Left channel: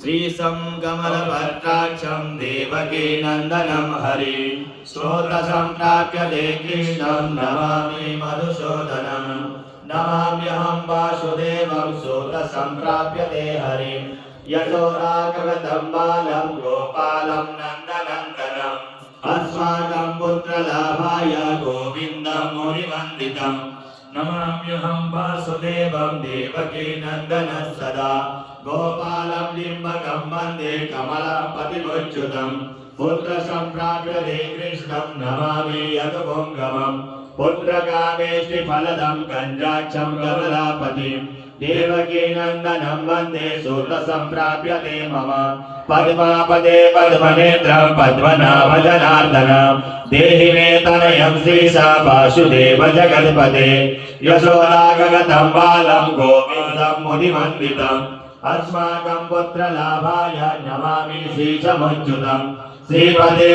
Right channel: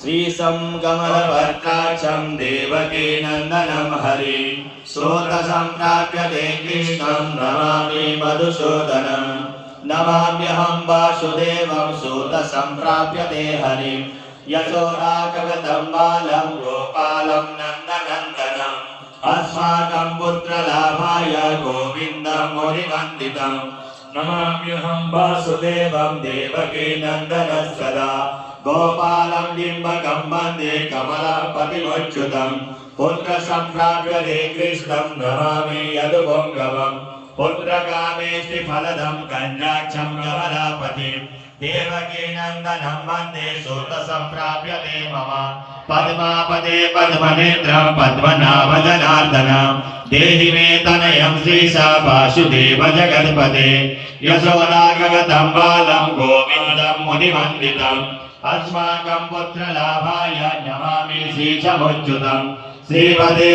श्रीशं कमलपत्राक्षं देवकी नन्दनं हरि श्रोतसंप्राप्य ते कृष्णं नमामि मधुसूदनं नमाम्यहं वासुदेवं श्रोतसंप्राप्य ते हरिं यशोदाकगतं बालं गोपालं नन्दनन्दनम् अस्माकं पुत्रलाभाय गोविन्दं मुनिवन्दितं नमाम्यहं वासुदेवं देवकी नन्दनं सदा गोपालं डिम्बकं वन्दे कमलापतिमच्युतं पुत्रसंप्राप्य ते कृष्णं नमामि यदुपुङ्गवं पुत्रकामेष्टि फलदं कञ्जाक्षं कमलापतिं देवकी नन्दनं वन्दे सूतसंप्राप्य ते मम पद्मापदे पद्मनेत्रं पद्मनाभजनार्दनं देहि मे तनयं श्रीशा वासुदेव जगत्पते यशोदागतं बालं गोविन्दं मुनिवन्दितम् अस्माकं पुत्रलाभाय नमामि श्रीशमच्युतं श्रीपदे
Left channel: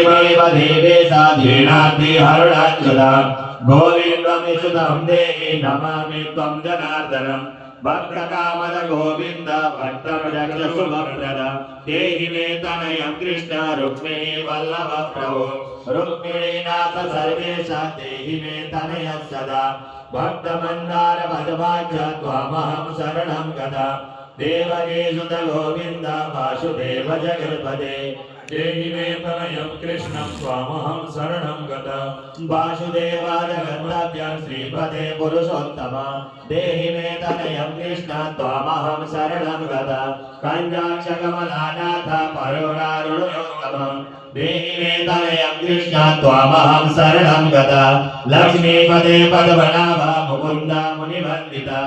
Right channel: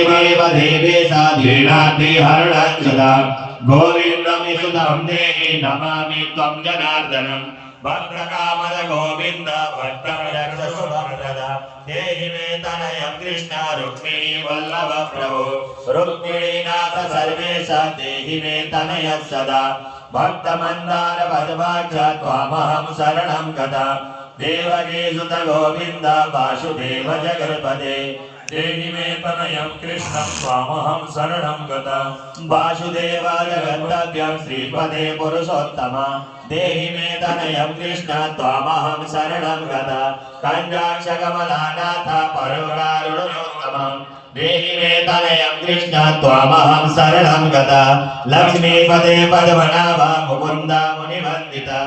देवेशा धीनार्तिहरणच्युतं गोविन्दमिषुतं देहि नमामि त्वं जनार्दनं भक्तकामद गोविन्द भक्तरक्षसुभप्रद देहि मे तनयं कृष्ण रुक्मिणी वल्लभ प्रभो रुक्मिणीनाथ सर्वेशा देहि मे तनयः सदा भक्तमन्दार पद्माक्ष त्वामहं शरणं गता देवकी सुत गोविन्द वासुदेव जगत्पते देहि मे तनयं कृष्णं त्वामहं शरणं गता वासुदेवाय गन्तव्यं श्रीपदे पुरुषोत्तम देहि मे तनयं कृष्ण त्वामहं शरणं गता कञ्जाक्षकमलानाथ परोरारुणोत्तमं देहि मे तनयं कृष्ण त्वामहं शरणं गता लक्ष्मीपदे पद्मनाभ मुकुन्द मुनिवन्दिता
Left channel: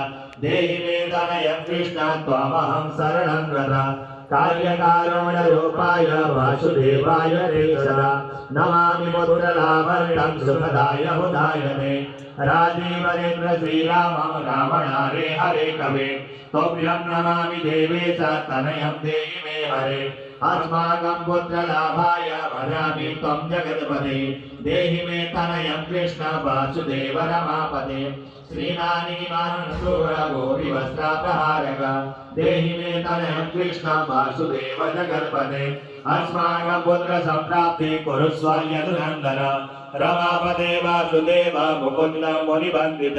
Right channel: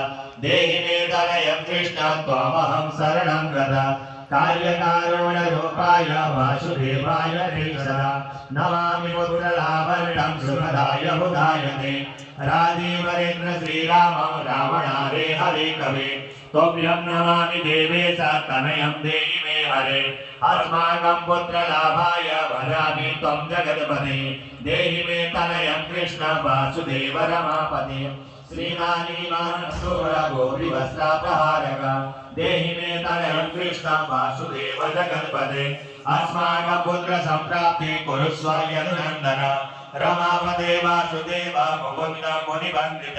देहि मे तनयं कृष्ण त्वामहं शरणं गता कार्यकारणरूपाय वासुदेवाय ते सदा नमामि पुत्रलाभरणं सुखदाय हुदायते राजीवरेन्द्र श्रीरामं रावणारे हरे कवे त्वभ्यं नमामि देवेश तनयं देहि मे हरे अस्माकं पुत्रलाभाय भजामि त्वं जगत्पते देहि मे तनयं कृष्ण वासुदेव रमापते श्रीनानीमानसूर गौरीवस्त्रापहारक देहि मे तनयं कृष्ण वासुदेव जगत्पते अस्माकं पुत्रसंप्राप्ति कुरुष्व यदुनन्दन रमापते वासुदेव मुकुन्द मुनिवन्दित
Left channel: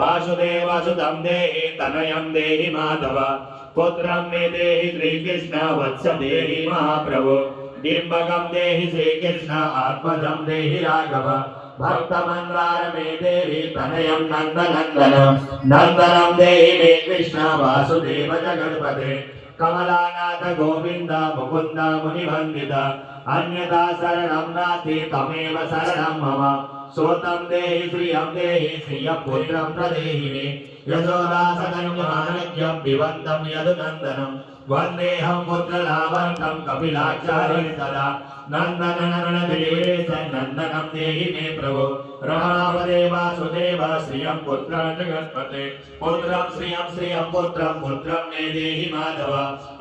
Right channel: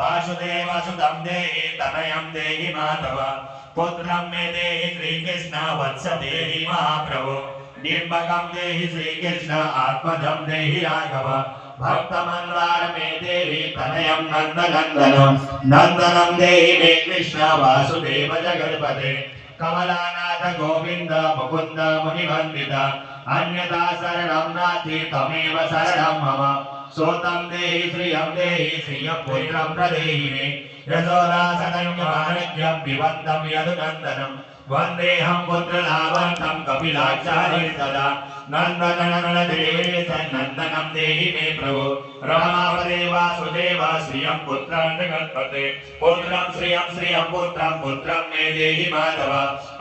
वासुदेवसुतं देहि तनयं देहि माधव पुत्रं मे देहि श्रीकृष्ण वत्स देहि महाप्रभु डिम्बकं देहि श्रीकृष्ण आत्मजं देहि राघव भक्तमन्दार मे देहि तनयं नन्दनन्दनं नन्दनं देहि मे कृष्ण वासुदेव जगत्पते कमलानाथ गोविन्द मुकुन्द मुनिवन्दित अन्यथा शरणं नास्ति तमेव शरणं मम सोतं देहि श्रियं पुत्रं प्रदेहि मे यशोदासतन्यमानज्ञं पिबन्तं यदुनन्दनं वन्देऽहं पुत्रलावन्तं कपिलाचार्यं सदा नन्दनन्दनदेवेश नन्दनं देहि मे प्रभो रमापदे वासुदेव श्रियं पुत्रं जगत्पते पुत्रं श्रियं पुत्रं मे देहि माधव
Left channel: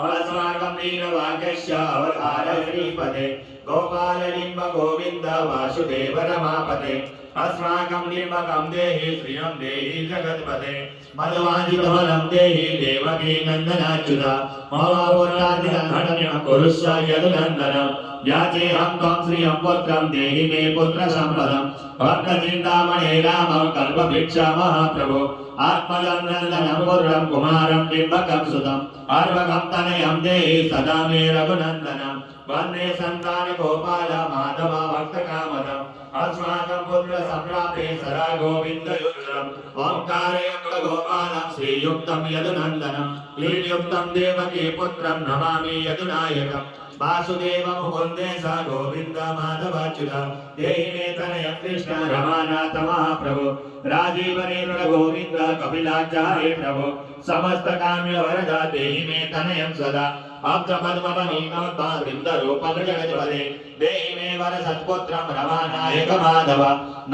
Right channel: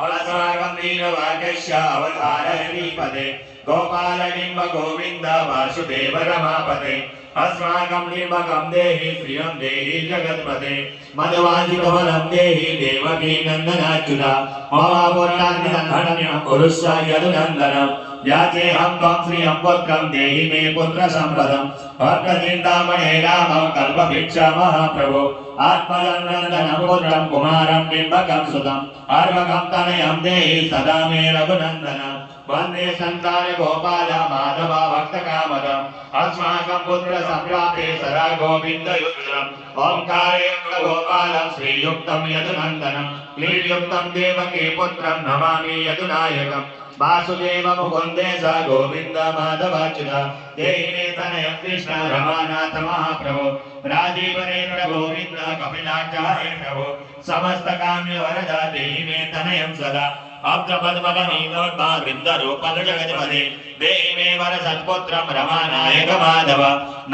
अस्माकं वीरवाक्यस्य अवतार श्रीपदे गोपालनिम्ब गोविन्द वासुदेव रमापते अस्माकं निम्बकं देहि श्रियं देहि जगत्पते मधुवाजिकबलं देहि देवकी नन्दनाच्युता ममापुत्रादिनन्दनं कुरुष्व यदुनन्दनं याचेऽहं त्वं श्रियं पुत्रं देहि मे पुत्रसम्पदं भक्तचिन्तामणे रामं कल्पभिक्षा महाप्रभो आत्मजनन्दनं पुत्रं कुमारं बिम्बकं सुतम् अर्भकं तनयं देहि सदा मे रघुनन्दनं वन्दे सन्तान गोपाल माधव भक्तकामदम् अस्माकं पुत्रसंप्राप्ते सदा गोविन्दयुक्तम् ओंकारे गोपालं श्रीयुक्तं यदुनन्दनं क्लीबयुक्तं देवकी पुत्रं नमामि यदुनायकम् वासुदेव मुकुन्दे स गोविन्द माधवाच्युत देहि मे तनयं कृष्ण रमानाथ महाप्रभो राजीवनेन्द्र गोविन्द कपिलाचार्य प्रभो समस्त काम्य वरद देहि मे तनयं सदा अब्जपद्मवनीनोद्भा वृन्दरूपं जगत्पते देहि मे वर सत्पुत्रं रमानायक माधव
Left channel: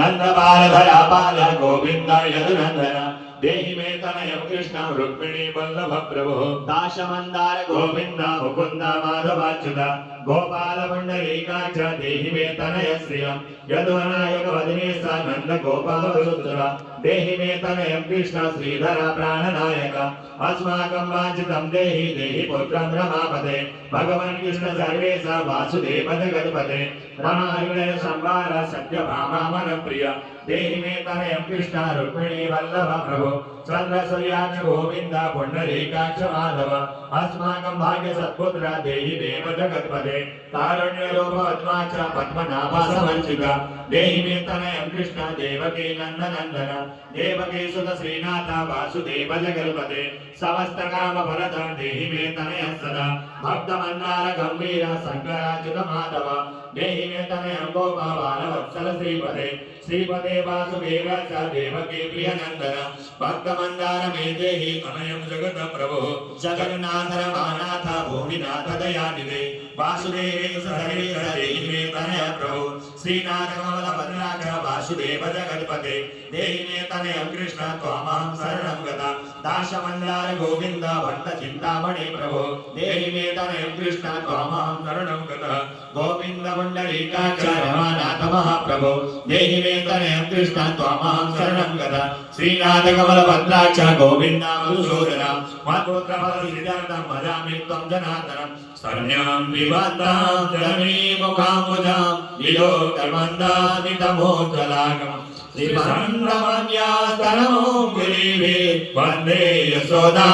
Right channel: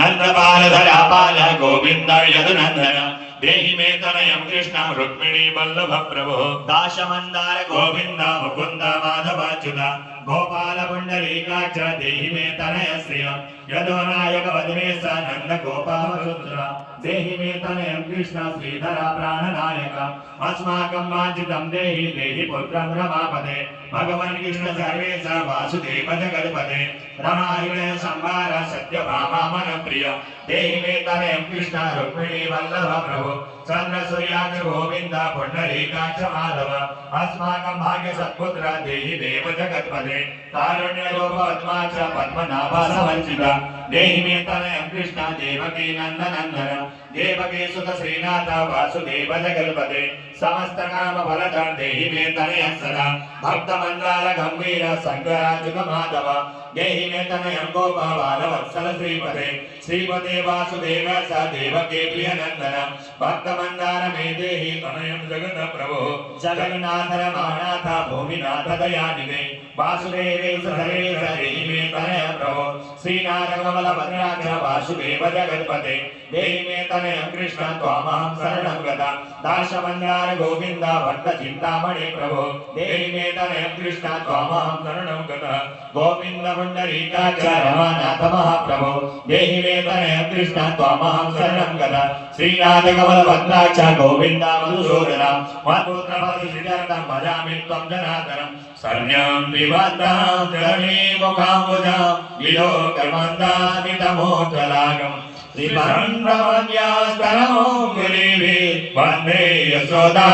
नन्दबालधरापाल गोविन्द यदुनन्दन देहि मे तनयं कृष्णं रुक्मिणी वल्लभ प्रभो दाशमन्दार गोविन्द मुकुन्द माधवाच्युत गोपाल पुण्डरीकाक्ष देहि मे तनय श्रियं यदोनायक वदने स नंद गोपालवसुधरा देहि मे तनयं कृष्ण श्रीधर प्राणनायक अस्माकं वाञ्छितं देहि देहि पुत्रं रमापते भगवन् कृष्ण सर्वेश वासुदेव जगत्पते रमायुधे संवार सत्यभामा मनप्रिय देहि मे तनयं कृष्ण रुक्मिणी वल्लभ प्रभु चंद्र सूर्याक्ष गोविंद पुंडरीकाक्ष माधव अस्माकं भाग्य सत्पुत्र देहि देव जगत्पते तारण्य रूप पद्माक्ष पद्मनाभ समर्चित देहि मे तनयं कृष्ण देवकी नंदनंदन देवकी सुत श्रीनाथ वासुदेव जगत्पते समस्त काम फलदं देहि मे तनयं सदा भक्त मंदार गंभीर शंकराच्युत माधव देहि मे तनयं गोपाल वत्सल श्रीपते श्रीपते वासुदेव स देवकी प्रिय नंदन भक्त मंदार मे देहि तनयं जगत प्रभु जगन्नाथ रमानाथ भूमिनाथ दयानिधे वासुदेवे सर्वेश देहि मे तनयं प्रभु श्रीनाथ कमल भद्राक्ष वासुदेव जगत्पते देहि मे तनयं कृष्ण त्वामहं शरणं गता दास मंदार गोविंद भट्ट चिंतामणि प्रभु देहि मे तनयं कृष्ण त्वामहं शरणं गता गोविंद पुंडरीकाक्ष रमानाथ महाप्रभु देहि मे तनयं कृष्ण त्वामहं शरणं गता श्रीनाथ कमल भद्राक्ष गोविंद मधुसूदन मत्पुत्र फलश्रीधरं भजामि त्वं जनार्दनं शरण्यां विवत्तां जगमे मुखाम्बुजां विलोकमन्दामि तमोज्ज्वलागम् वंदे यशोदा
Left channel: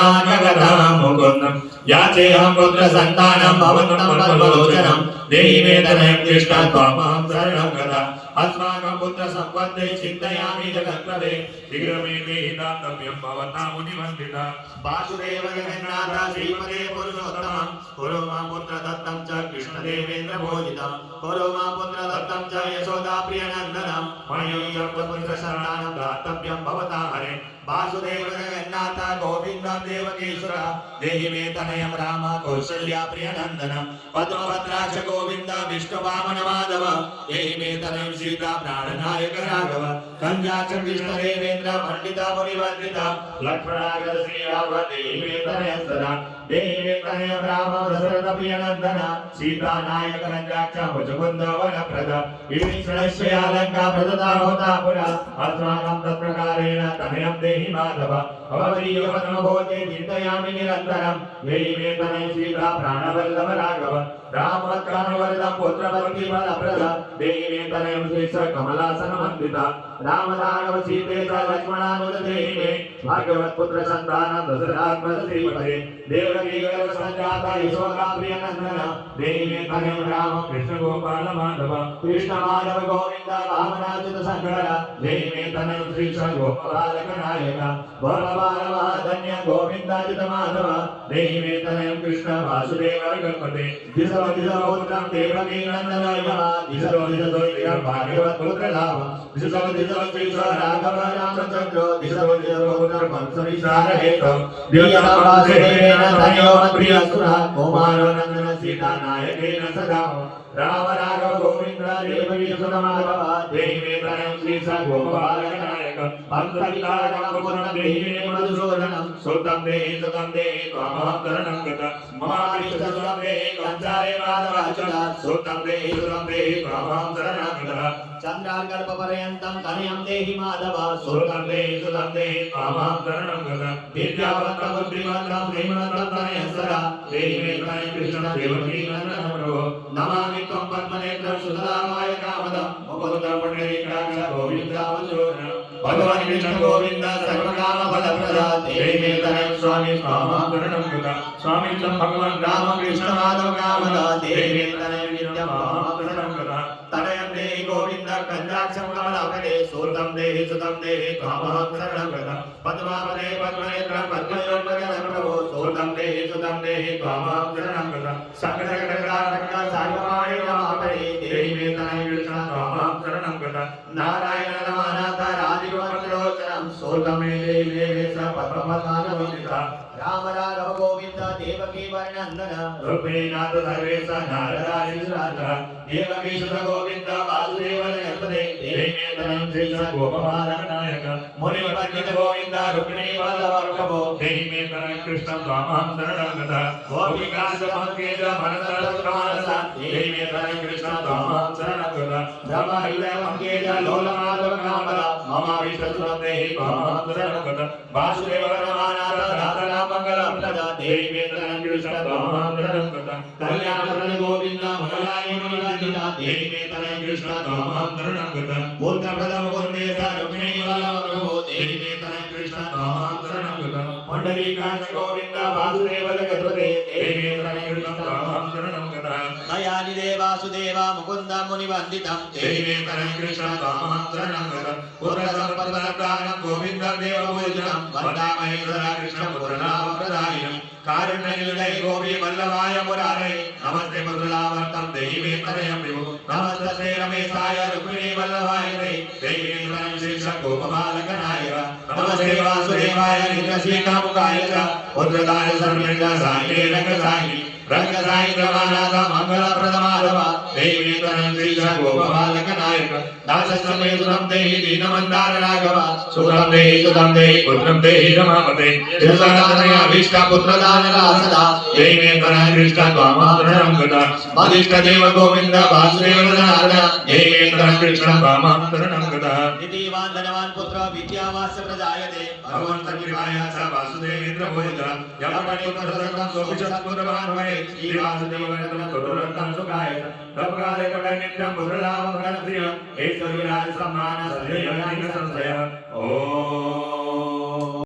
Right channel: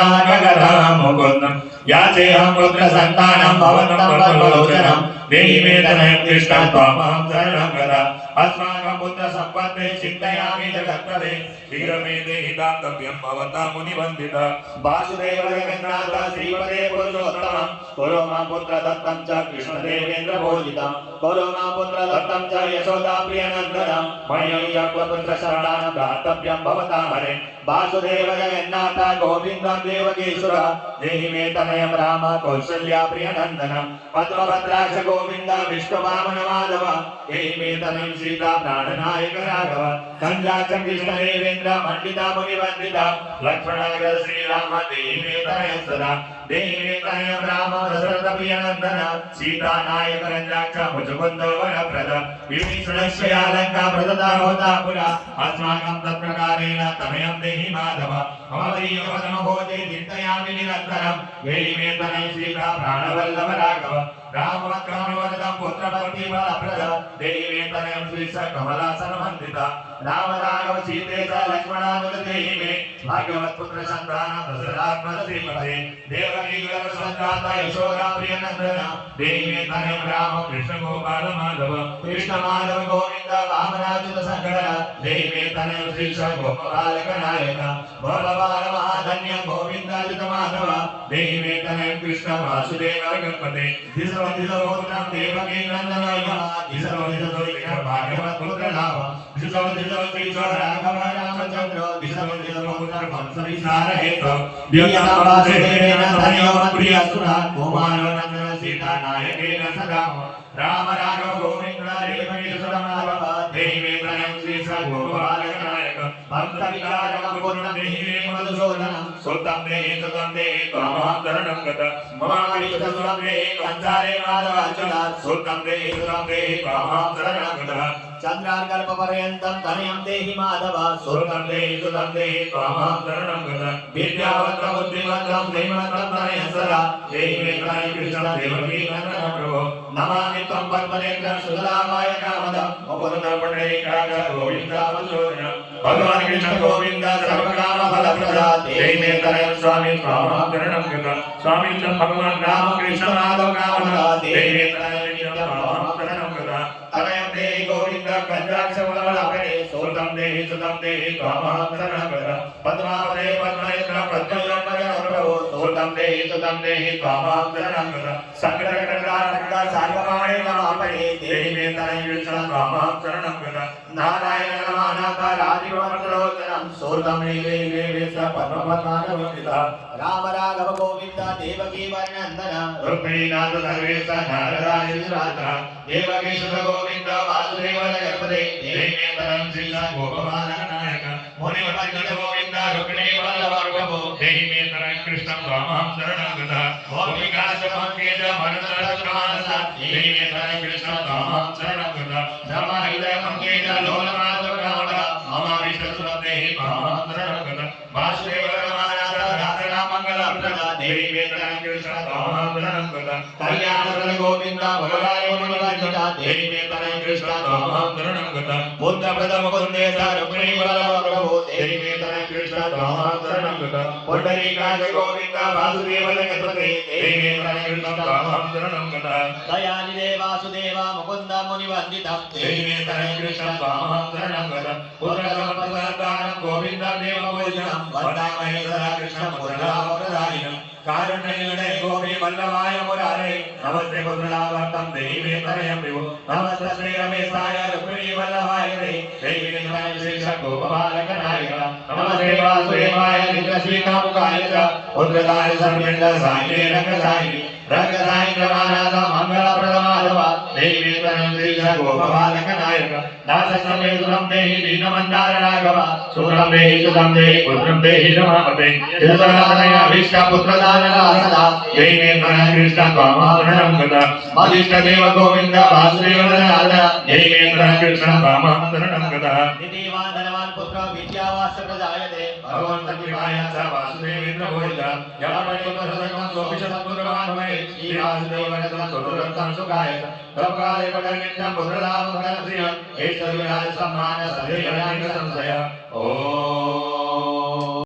मुकुंदम याचेहं पुत्र संतानं भवतं परमलोचनं देहि मे तनयं कृष्ण त्वामहं शरणं गता अस्माकं पुत्र संपत्ते चिन्तयामि जगत्प्रभे शीघ्रं मे देहि दातव्यं भवता मुनिवन्दिता वासुदेव जगन्नाथ श्रीपदे पुरुषोत्तमं कुरु मां पुत्र दत्तं च कृष्णदेवेन्द्र भोजितं कुरु मां पुत्र दत्तं च यशोदा प्रियनन्दनं मय्यप्य पुत्र शरणां दातव्यं भवता हरे वासुदेव जगन्नाथ गोविन्दं देवकीसुर देहि मे तनयं राम कौसल्या प्रियनन्दनं पद्मभद्राक्ष गोविन्द विष्णुवामन माधव देहि मे तनयं सीता प्राणनायक राघव कंजाक्ष कृष्णदेवेन्द्र पंडिता मुनिवन्दिता लक्ष्मणाग्र श्रीराम देहि मे तनयं सदा देहि मे तनयं राम दशरथ प्रियनन्दन सीता नायक रंजाक्ष मुचुकुंद वरप्रद विभीषणस्य अलंकार प्रदता होता पुरा अस्माकं तत्प्रकारेण तनयं देहि माधव भवदीयवदनभोजे चिन्तयामि निरन्तरं देहि मे तनयं सीता प्राणवल्लभ राघव रामवत्कामवरदं पुत्रभक्तिबलप्रद देहि मे तनयं श्रीश कमलासनवन्दिता राम राघव सीते च लक्ष्मणानुज देहि मे भागवत्पुत्र सन्तानं दशरथात्मज श्रीपते देवकी गर्भसञ्जाता यशोदा प्रियनन्दन देहि मे तनयं राम कृष्ण गोपाल माधव कृष्ण माधव गोविन्द वामनाच्युत शङ्कर देहि मे तनयं श्रीश गोपबालक नायक गोपबाल महाधन्य गोविन्दाच्युत माधव देहि मे तनयं कृष्ण वासुदेव गणपते दिशवदिशपुत्रं देवकी नन्दनाय दिशवदिशपुत्रं भागवत्पुत्र राम दिशवदिशपुत्र राघव रामचन्द्र दिशवदिशपुत्रं वंशविस्तार हेतु द्योतवासुदेवेन तनयो प्रियसुरा कुमारो नन्दन सीता नायकेन सदा राम राघव गोविन्द देवकी सुतमाधव देहि मे तनयं श्रीश गोपालक नायक भक्तविकारं पूर्णं देहि मे मधुसूदनं सुतं देहि त्वामहं शरणं गता ममाविष्टसुतं देहि कंसारे माधवाच्युत सुतं देहि त्वामहं शरणं गता चन्द्रार्कल्पपर्यन्तं तनयं देहि माधव सुतं देहि त्वामहं शरणं गता विद्यावन्तं बुद्धिमन्तं श्रीमन्तं तनयं सदा देहि मे तनयं कृष्ण देवकी नन्दनं प्रभो नमामि त्वं पद्मनेत्रं सुतरामाय कामदं मुकुन्दं पुण्डरीकाक्ष गोविन्दावसुरं भगवान् कृष्ण गोविन्द सर्वकाम फलप्रद देहि मे तनयं स्वामी त्वामहं शरणं गता स्वामी च भगवान् राम कृष्ण माधव कामद देहि मे तनयं त्वामहं शरणं गता तनयं देहि गोविन्द कंजाक्ष कमलापते सुतं देहि त्वामहं शरणं गता पद्मावते पद्मनेत्र पद्मयोगपजन प्रभो सुतं देहि त्वामहं शरणं गता संकटकटकटाकटा सार्वमाय नमापते देहि मे तनयं कृष्ण त्वामहं शरणं गता नारायण नमः राजीवमण्डलोचनं सुतं देहि पद्मपद्मानवन्दिता राम राघव गोविंद देवकी वर्णनंदन रुक्मिणीनाथ सर्वेश नारदायुराज देवकी सुत गोविंद वासुदेव जगपते देवेतरं श्री गोपालनायक मुनि वंदित गोविंद रुक्मिणी वल्लभ प्रभो देवेतरं कृष्णं त्वां शरणं गतः गोपिका पंकेज मनोरथ देवेतरं कृष्णं त्वां शरणं गतः ब्रह्म हृदय पंकेज लोल माधव नाम मम विष्णु देहि त्वां शरणं गतः वासुदेव रमानाथ नारायण मंगल प्रद देवेतरं कृष्णं त्वां शरणं गतः कल्याण गोविंद भगवान मुनिवंदिता देवेतरं कृष्णं त्वां शरणं गतः बुद्ध प्रथम वंदेश रुक्मिणी वल्लभ प्रभो देवेतरं कृष्णं त्वां शरणं गतः पुंडरीकाक्ष गोविंद वासुदेव जगपते देवेतरं कृष्णं त्वां शरणं गतः दयानिधे वासुदेव मुकुंद मुनिवंदितं देवेतरं कृष्णं त्वां शरणं गतः पुत्र संपदानं गोविंद देव पूजितं वन्दामहे सदा कृष्णं पुत्रलाभप्रदायिनं कारुण्यनिलये गोपी वल्लभाय मुरारे नमस्ते पुत्रलाभर्तं देवेतरं विभो नमस्ते रमेशाय रुक्मिणी वल्लभाय देवेतरं श्रीश गोपबालकनाय नमस्ते वासुदेवाय नित्यश्रीकामुकाय च पुत्रदाय सर्वेन्द्र साये रंगसायिनी रंगसायि रमानाथ मंगलप्रदमाधव देवेतरं श्रीश गोपबालकनायक दास समेतुरं देहि दीनमन्दार राघव सुरं देहि सुतं देहि पुत्रं देहि रमापते शिवसहस्रमया भीष्ट पुत्रदानला सदा देवेतरं कृष्णं त्वां शरणं गतः मदिष्ट देव गोविंद वासुदेव नाथ देवेतरं कृष्णं त्वां शरणं गतः निधिवान धनवान पुत्र विद्यावास प्रजायते भगवान् सन्निधाय स वासुदेवेन्द्र भोज यमपतिपुत्रसर्वं गोपिशत्पुत्रवान् भवे श्री वासुदेवनं तुरन्तं सुखाय तत्काले पठनित्यं पुत्रलाभं घनप्रियं ऐश्वर्यराज सम्मान सदैव संशय ओम